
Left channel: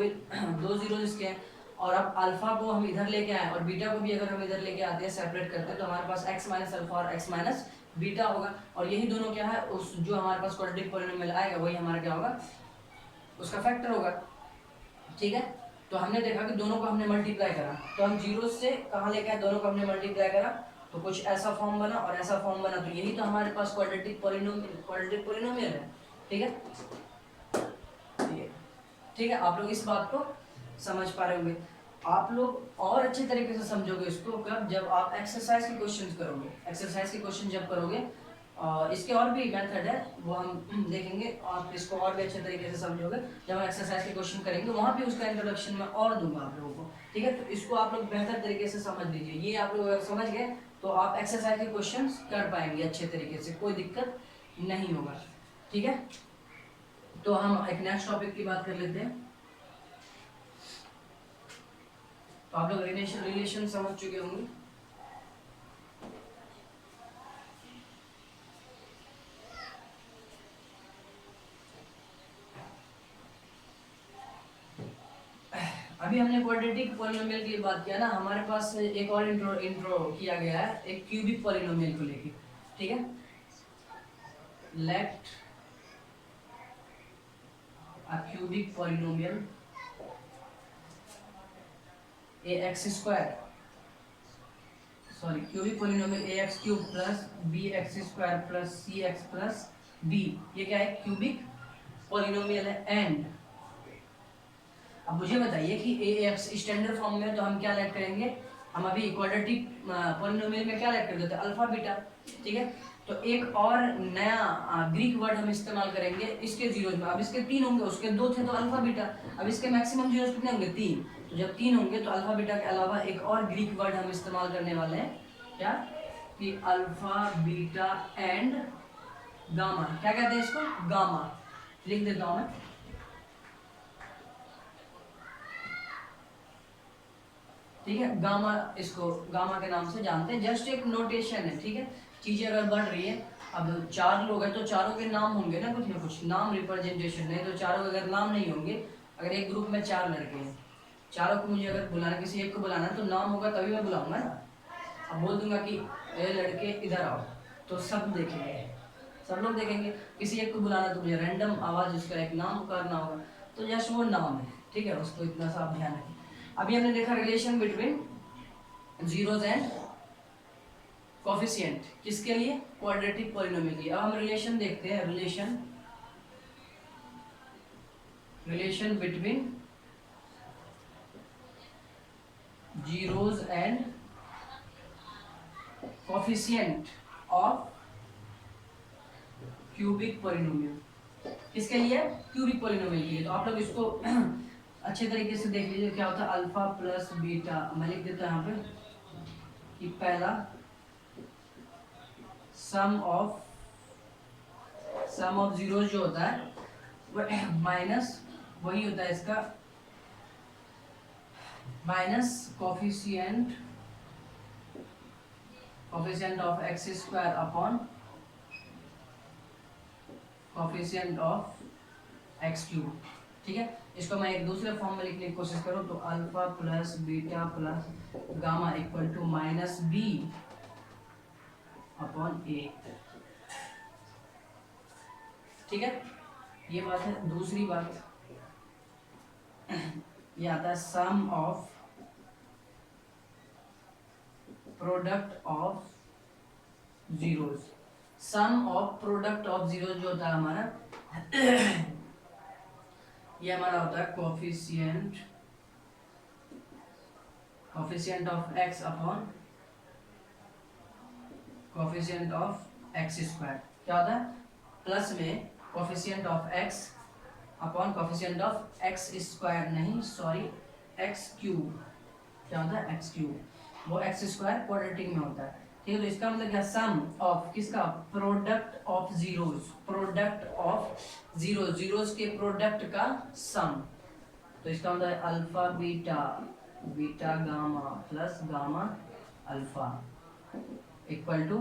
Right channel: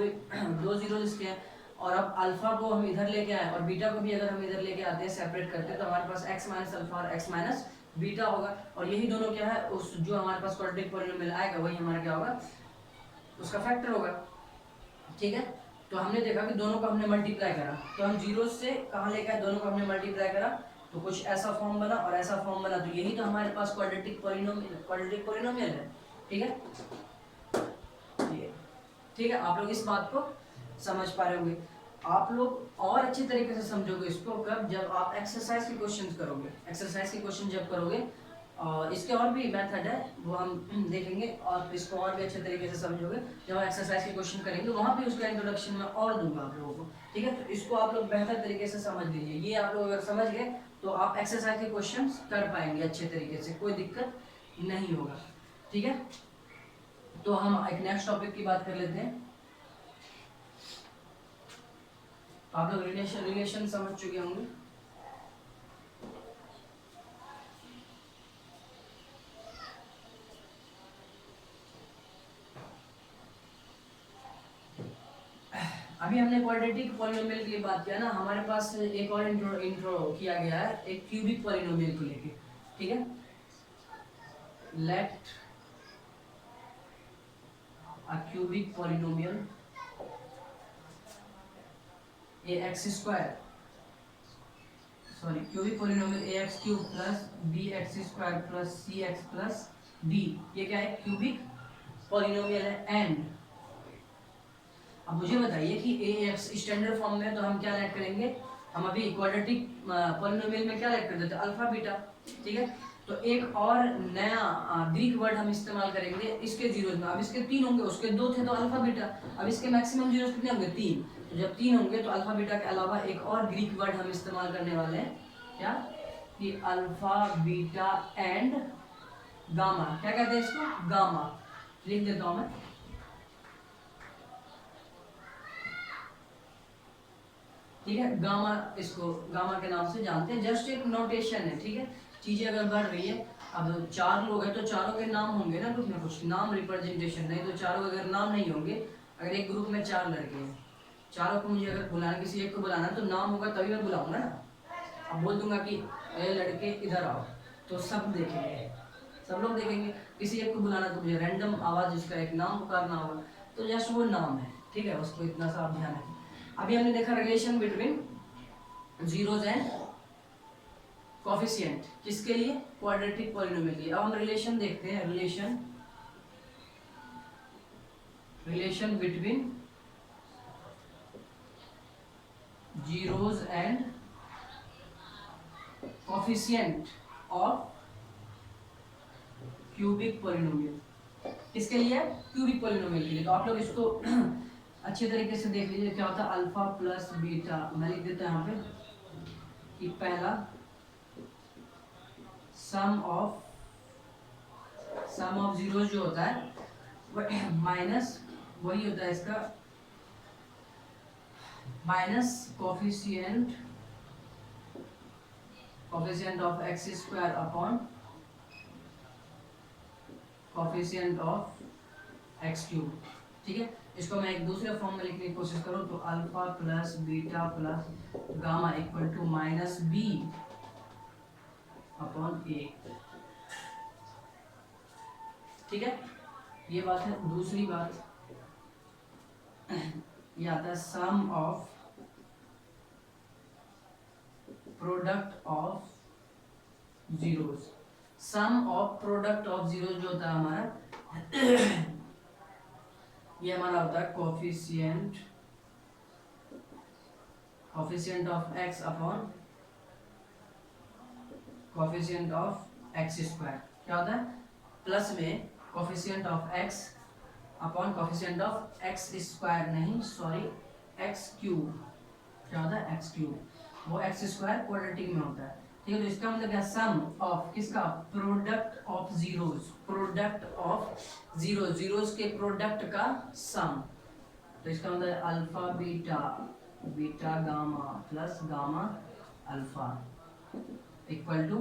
जीरोज इसके हैं। और अब अल्फा को हम इधर लेके आए और बीटा को भी अगर हम इधर लेके आते हैं सेपरेट करते हैं, तो हमारे पास x माइनस अल्फा और x माइनस बीटा होगा। और यही दोनों क्या है उस जो हमारे पास क्वाड्रेटिक पॉलिनोमियल आएगा वही हमारा क्या होगा उसका फैक्टर होगा, ठीक है। तो हमने देखा कि दोनों को हमने मल्टीप्लाई करा, तो हम जीरो से कहाँ लेके आए, दोनों को हमने मल्टीप्लाई करा तो कुछ ऐसा फॉर्म बना और ऐसा फॉर्म बना, तो यही तो हमारे पास क्वाड्रेटिक पॉलिनोमियल है, ठीक है। ये ठीक है, आप लोग इस बात को समझ पा रहे होंगे। आप लोग और अच्छे तरीके से समझोगे इसको कब, जब आप एक्सरसाइज के क्वेश्चंस करोगे, एक्सरसाइज के क्वेश्चन जब करोगे। और इसके और भी मेथड है वो हम देखेंगे, आप इसको और भी अच्छे तरीके से समझोगे जब एक्सरसाइज के क्वेश्चन करेंगे, वहाँ भी उसका इंट्रोडक्शन मैं और दूंगा आप लोगों को, ठीक है। तो इसको आप लोग बेहतर तरीके से समझ लीजिए, ये आप लोग अगर समझ गए तो आप एक्सरसाइज के क्वेश्चन कर पाएंगे अच्छे तरीके से, कोई दिक्कत नहीं होगा, ठीक है। तो हम एक नेक्स्ट टॉपिक की बात कर लेते हैं। तो आप लोग रिलेशन समझ चुके होंगे। अभी हमने क्वाड्रेटिक पॉलिनोमियल की बात किया ना, हमारे पास एक और इंट्रो किया गया है एक क्यूबिक पॉलिनोमियल को लेके, ठीक है। Let a cubic polynomial ax², sorry cubic polynomial ax³ plus bx² plus cx plus d, ये क्या है क्यूबिक पॉलिनोमियल है। एंड अब मुझे बताइए कि ax स्टैंडर्ड फॉर्म में तो हम क्या लेट करेंगे, हम अभी क्वाड्रेटिक पॉलिनोमियल में क्या लेट कर देते हैं अल्फा बीटा, ठीक है। तो एक और नया ग्रीक वर्ड हम इस्तेमाल करेंगे इसके जीरोज में। अब इसके 3 होंगे, उसके 2 थे तो अल्फा बीटा। अब इसके मैक्सिमम जीरोज कितने होंगे 3, तो जब 3 होंगे तो अल्फा बीटा के अलावा एक और ग्रीक वर्ड हम इस्तेमाल करने वाले हैं, क्या कि अल्फा बीटा एंड गामा, क्या कहते हैं इसको गामा, लिख देता हूं मैं। ठीक है, गामा, इसको गामा के नाम से जानते हैं, जस्ट एक नोटेशन है, ठीक है। चीजें अगर बढ़ रही है, अब 4 लोग हैं तो चारों के नाम होंगे ना कुछ नाम रिप्रेजेंटेशन, नहीं तो चारों अगर नाम नहीं होंगे, अगर एक ग्रुप में 4 लड़के हैं, चारों को मुझे अगर बुलाना, किसी एक को बुलाना तो नाम होगा तभी मैं बुलाऊंगा ना। अब बोल दूंगा कि अरे लड़के इधर आओ, तो सब देखेंगे, सब लोग देखेंगे। किसी एक को बुलाना तो मुझे रैंडम आवाज उसका एक नाम पुकारना होगा, तो जस्ट वो नाम है, ठीक है, उसको इतना सा आप ध्यान रखें। अभी हमने देखा relation between zeros and coefficient, किसके लिए, क्वाड्रेटिक पॉलिनोमियल के लिए। अब हम रिलेशन देखते हैं, relation between zeros and coefficient of cubic polynomial, किसके लिए, क्यूबिक पॉलिनोमियल के लिए। तो आप लोग इसको अच्छे तरीके से देख लीजिए, क्या होता है अल्फा प्लस बीटा, मैं लिख देता हूं यहाँ पे कि पहला सम ऑफ जीरो जो होता है माइनस वही होता है इसका minus coefficient of X square upon coefficient of X cube, ठीक है। इसको मैं एक दूसरे फॉर्म में लिखने की कोशिश करूं तो alpha plus beta plus gamma equal to minus B upon A, ठीक है, ये बात है। दूसरी बात ये आता है sum of product of zeros, sum of product of zero जो होता है हमारा ये हमारा होता है coefficient of X upon coefficient of X square, क्या होता है प्लस में coefficient of X upon coefficient of X square, नहीं सॉरी एक्स क्यूब, क्या होता है एक्स क्यूब, वो एक्स स्क्वायर क्वाड्रेटिक में होता है, ठीक है। तो इसका मतलब क्या, सम ऑफ किसका, product of zeros, product of zeros के प्रोडक्ट का सम, तो इसका मतलब है alpha beta gamma plus gamma alpha equal to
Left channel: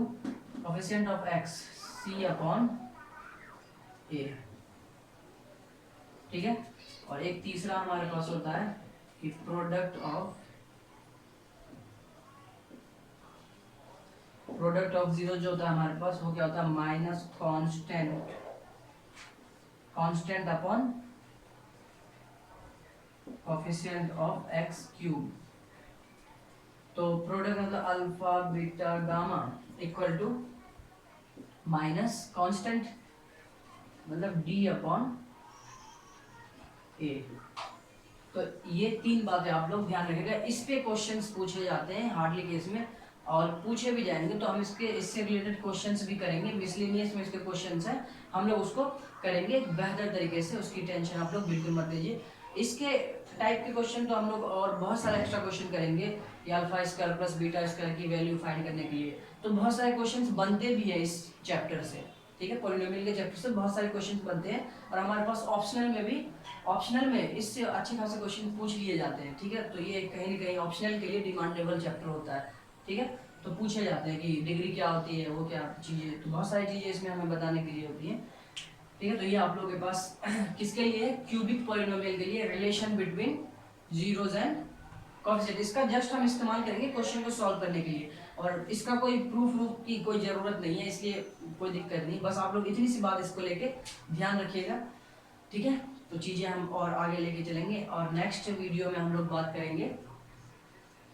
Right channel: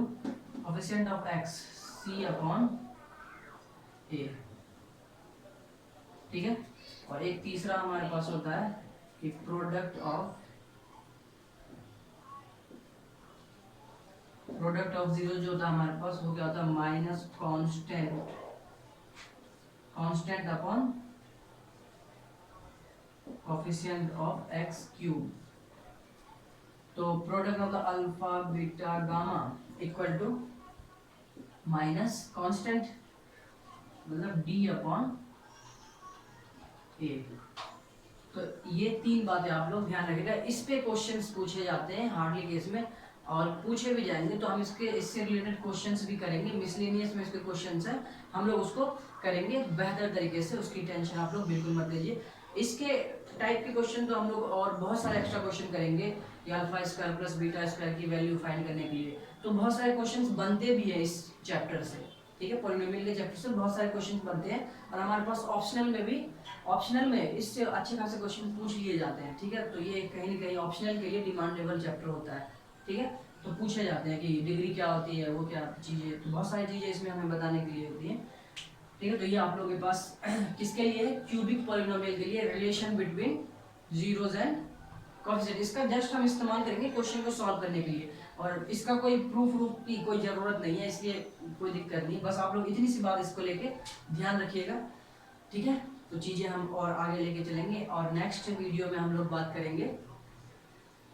coefficient of X C upon A, ठीक है। और एक तीसरा हमारे पास होता है कि प्रोडक्ट ऑफ जीरो जो होता है हमारे पास वो क्या होता है minus constant upon coefficient of X cube, तो product of the alpha beta gamma equal to minus constant मतलब डी अपॉन ए। तो ये 3 बातें आप लोग ध्यान रखिएगा, इस पे क्वेश्चंस पूछे जाते हैं हार्डली केस में, और पूछे भी जाएंगे तो हम इससे रिलेटेड क्वेश्चंस भी करेंगे, मिसलेनियस में इसके क्वेश्चंस हैं, हम लोग उसको करेंगे बेहतर तरीके से, उसकी टेंशन आप लोग बिल्कुल मत लीजिए। इसके टाइप के क्वेश्चन तो हम लोग और बहुत सारे एक्स्ट्रा क्वेश्चन करेंगे, alpha square plus beta square की वैल्यू फाइंड करने के लिए, तो बहुत सारे क्वेश्चंस बनते भी हैं इस चैप्टर से, ठीक है, पॉलिनोमियल के चैप्टर से बहुत सारे क्वेश्चंस बनते हैं, और हमारे पास ऑप्शनल में इससे अच्छे खासे क्वेश्चन पूछ लिए जाते हैं, ठीक है। तो ये कहीं ना कहीं ऑप्शनल के लिए डिमांडेबल चैप्टर होता है, ठीक है, तो पूछे जाते हैं कि डिग्री क्या होती है, वो क्या चीज़ें, तो बहुत सारी चीज़ें इसमें हमें बताने के लिए होती है, ठीक है। तो ये आप लोगों के पास किसके लिए, क्यूबिक पॉलिनोमियल के लिए, relation between zeros and coefficient, इसका जस्ट हम इस्तेमाल करेंगे क्वेश्चन को सॉल्व करने के लिए, और इसका कोई प्रूफ की कोई ज़रूरत नहीं है, इसलिए कोई दिक्कत नहीं, बस आप लोग इतनी सी बात इसको लेके ध्यान रखिएगा, ठीक है। तो चीज़ें हम और आगे लेके चलेंगे, और नेक्स्ट वीडियो में हम लोग बात करेंगे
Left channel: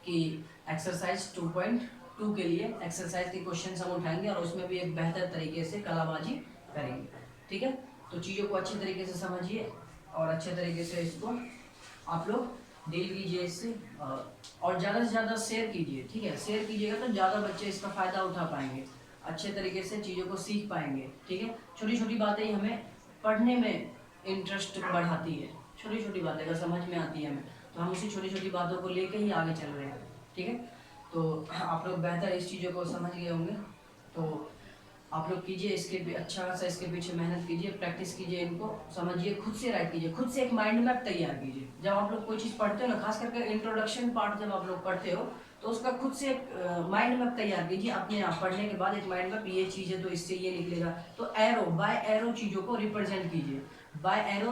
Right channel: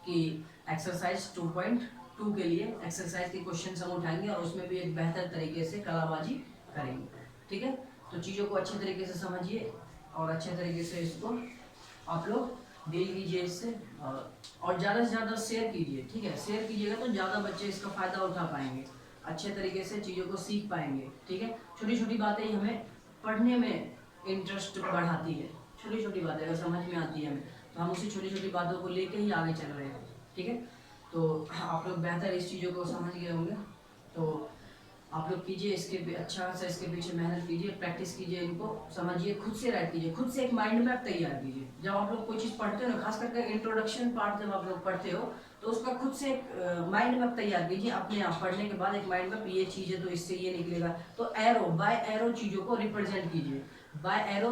कि एक्सरसाइज 2.2 के लिए एक्सरसाइज के क्वेश्चन हम उठाएंगे, और उसमें भी एक बेहतर तरीके से कलाबाजी करेंगे, ठीक है। तो चीज़ों को अच्छे तरीके से समझिए और अच्छे तरीके से इसको आप लोग डील कीजिए इससे, और ज़्यादा से ज़्यादा शेयर कीजिए, ठीक है, शेयर कीजिएगा तो ज़्यादा बच्चे इसका फ़ायदा उठा पाएंगे, अच्छे तरीके से चीज़ों को सीख पाएंगे, ठीक है। छोटी छोटी बातें हमें पढ़ने में इंटरेस्ट बढ़ाती है, छोटी छोटी बातें अगर समझ में आती है हमें, तो हम उसी छोटी छोटी बातों को लेके ही आगे चल रहे हैं, ठीक है। तो आप लोग बेहतर इस चीज़ों को समझ गए होंगे, तो आप लोग कीजिए, इसके अच्छा खासा इसके पीछे मेहनत कीजिए, प्रैक्टिस कीजिए, इनको समझिए, खुद से राइट कीजिए, खुद से एक माइंड मैप तैयार कीजिए। जब आप लोग कोई चीज़ पढ़ते हो ना, खास करके इंट्रोडक्शन पार्ट जब आप लोग पढ़ते हो तो उसका खुद से एक माइंड मैप तैयार कीजिए अपने आप। पढ़ने के बाद एक माइंड मैप, ये चीज़ है तो इससे ये निकलेगा। तो एरो बाय एरो चीज़ों को रिप्रेजेंट कीजिए। बाय एरो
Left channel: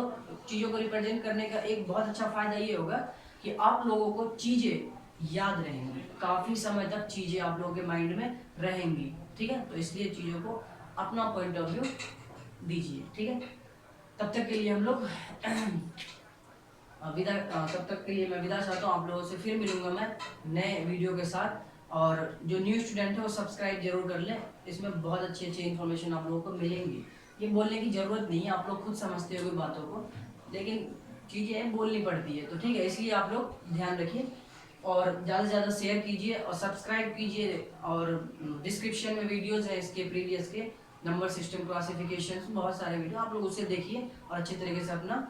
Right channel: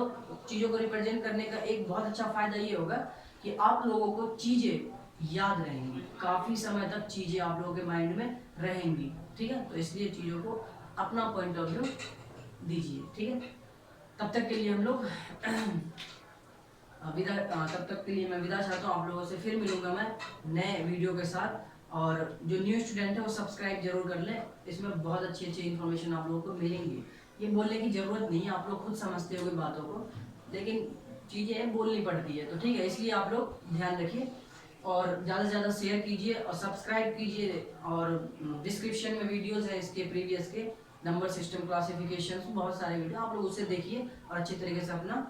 चीज़ों को रिप्रेजेंट करने का एक बहुत अच्छा फायदा ये होगा कि आप लोगों को चीज़ें याद रहेंगी, काफ़ी समय तक चीज़ें आप लोगों के माइंड में रहेंगी। ठीक है, तो इसलिए चीज़ों को अपना पॉइंट ऑफ व्यू दीजिए। ठीक है, तब तक के लिए हम लोग तब तक के लिए मैं विदा चाहता हूँ। आप लोगों से फिर मिलूंगा मैं नए वीडियो के साथ। और जो न्यू स्टूडेंट है वो सब्सक्राइब जरूर कर ले, इसमें बहुत अच्छी अच्छी इन्फॉर्मेशन आप लोगों को मिलेंगी। ये बोलने की ज़रूरत नहीं है, आप लोग खुद समझते होंगे बातों को, लेकिन चीज़ें बोलनी पड़ती है। तो ठीक है, इसलिए आप लोग ध्यान रखिए और ज़्यादा से ज़्यादा शेयर कीजिए और सब्सक्राइब कीजिए। और डिस्क्रिप्शन में वीडियोज़ है इसके प्रीवियस के, नंबर सिस्टम, क्लासिफिकेशन, बहुत सारे वीडियो आप लोग उससे देखिए और अच्छी तरीके से अपना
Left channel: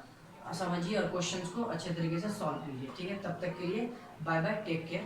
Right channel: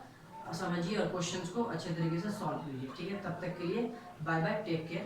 समझिए और क्वेश्चंस को अच्छे तरीके से सॉल्व कीजिए। ठीक है, तब तक के लिए बाय बाय, टेक केयर।